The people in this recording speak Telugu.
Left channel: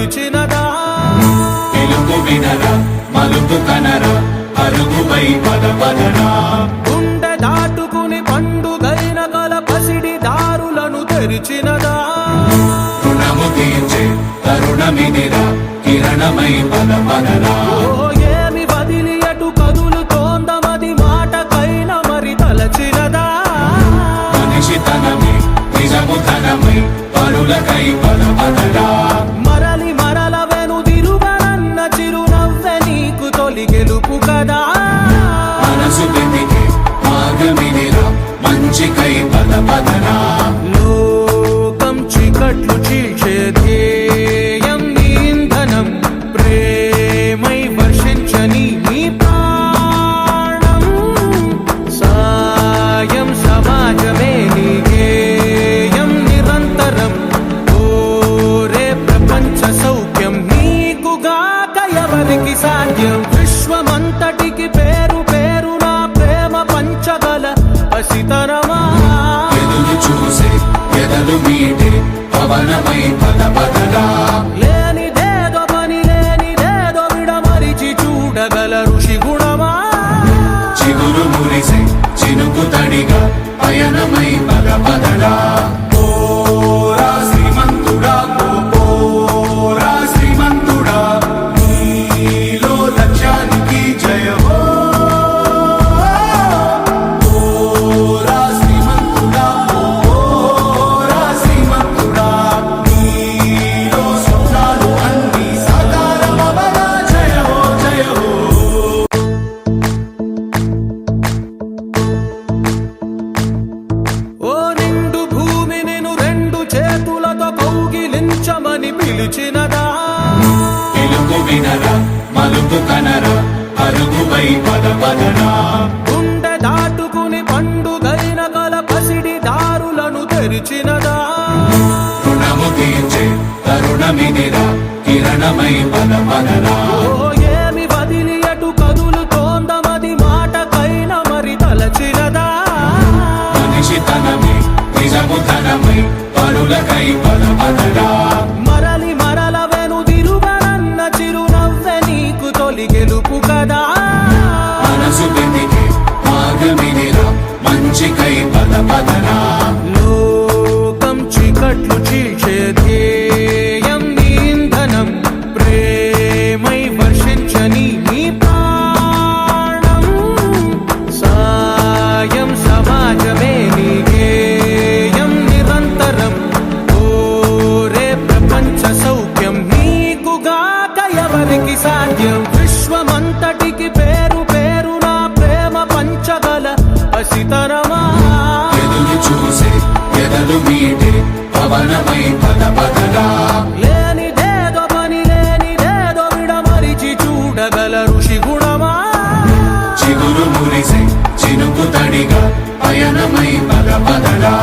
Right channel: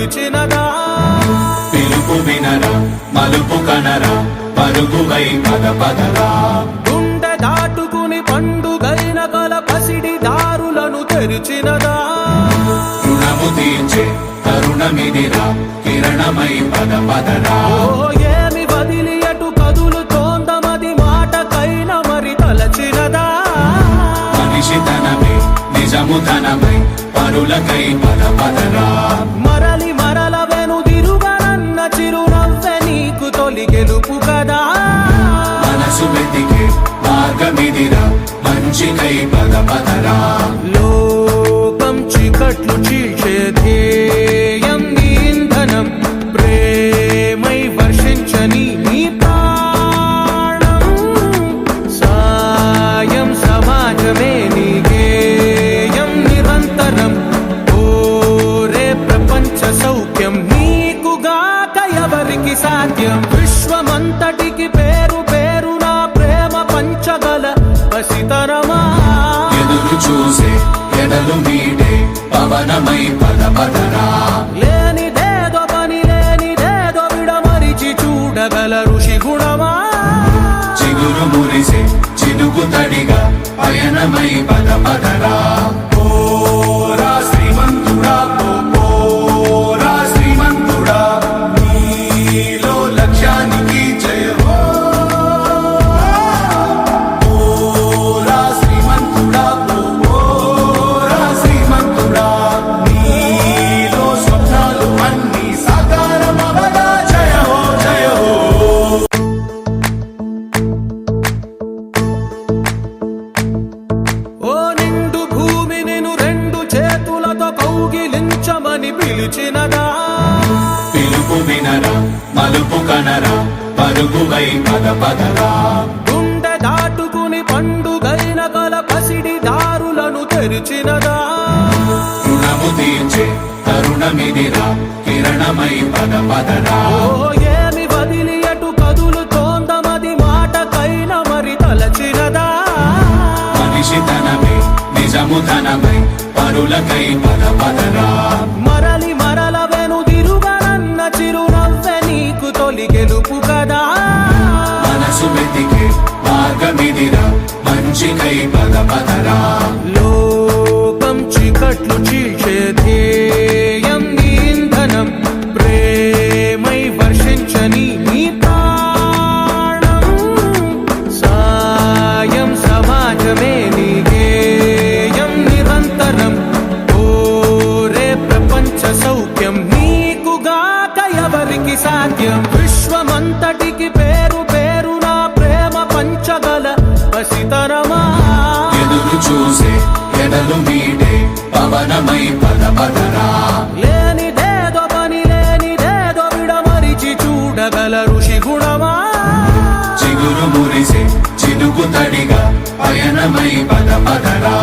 పిలిచినదా పిలుపు వినరా మలుపు కనరా పరుగువై పద పదరా గుండె దాటుకుని పండుగైన కల పసిడి దారులను తెరిచినదా రుణము తీర్చే తరుణమిదిరా కిరణమై పద పదరా ఓ ఏమి వదిలి అటు కదులుతోందమది మాటకైన మరి తలచినదా మనిషితనమే నిజముతనమై పరులకై పద పదరా మరలి మరల వెనుదిరుగనన్న చిరునవ్వె నీకు తొలి గెలుపు కదా మనసు వెతికే మార్గమిదిరా మంచికై పద పదరా లోకం చీకట్లు చీల్చే ధ్యేయం నీ ఇంధనం ప్రేమై వర్షించని నీ ప్రాణం సాయం సమాజమే నీ గేయం నిరంతరం ఓరే ప్రపంచ సౌఖ్యం నీకుగాక ఎవరికి సాధ్యం విశ్వమంతటికి పేరు పేరు నా ప్రేమ పంచగల పసితనమా ఎదురు చూసే ఎదలు మీడే పవనమై పద పదరా లేనిదేదో పని లేనిదేదో విడమరిచి చూడగల ఋషి గుణమా చిగురు మురిసే చినుకు తడిగా పయనమై పద పదరా ఓరా శ్రీమంతుడా ఓరా శ్రీమంతుడా నీలో లక్ష్యానికి జయమో ఓరా శ్రీమంతుడా ఓరా శ్రీమంతుడా నీలో స్వప్నాలు అన్నీ సాకారమవగా జయమో జయమో ఓ నిండు భూమి నేను రెండు చేతులతో కౌగిలించమని పిలిచినదా పిలుపు వినరా మలుపు కనరా పరుగువై పద పదరా గుండె దాటుకుని పండుగైన కల పసిడి దారులను తెరిచినదా రుణము తీర్చే తరుణమిదిరా కిరణమై పద పదరా ఓ ఏమి వదిలి అటు కదులుతోందమది మాటకైన మరి తలచినదా మనిషితనమే నిజముతనమై పరులకై పద పదరా మరలి మరల వెనుదిరుగనన్న చిరునవ్వె నీకు తొలి గెలుపు కదా మనసు వెతికే మార్గమిదిరా మంచికై పద పదరా లోకం చీకట్లు చీల్చే ధ్యేయం నీ ఇంధనం ప్రేమై వర్షించని నీ ప్రాణం సాయం సమాజమే నీ గేయం నిరంతరం ఓరే ప్రపంచ సౌఖ్యం నీకుగాక ఎవరికి సాధ్యం విశ్వమంతటికి పేరు పేరు నా ప్రేమ పంచగల పసితనమా ఎదురు చూసే ఎదలు మీడే పవనమై పద పదరా లేనిదేదో పని లేనిదేదో విడమరిచి చూడగల ఋషి గుణమా చిగురు మురిసే చినుకు తడిగా పయనమై పద పదరా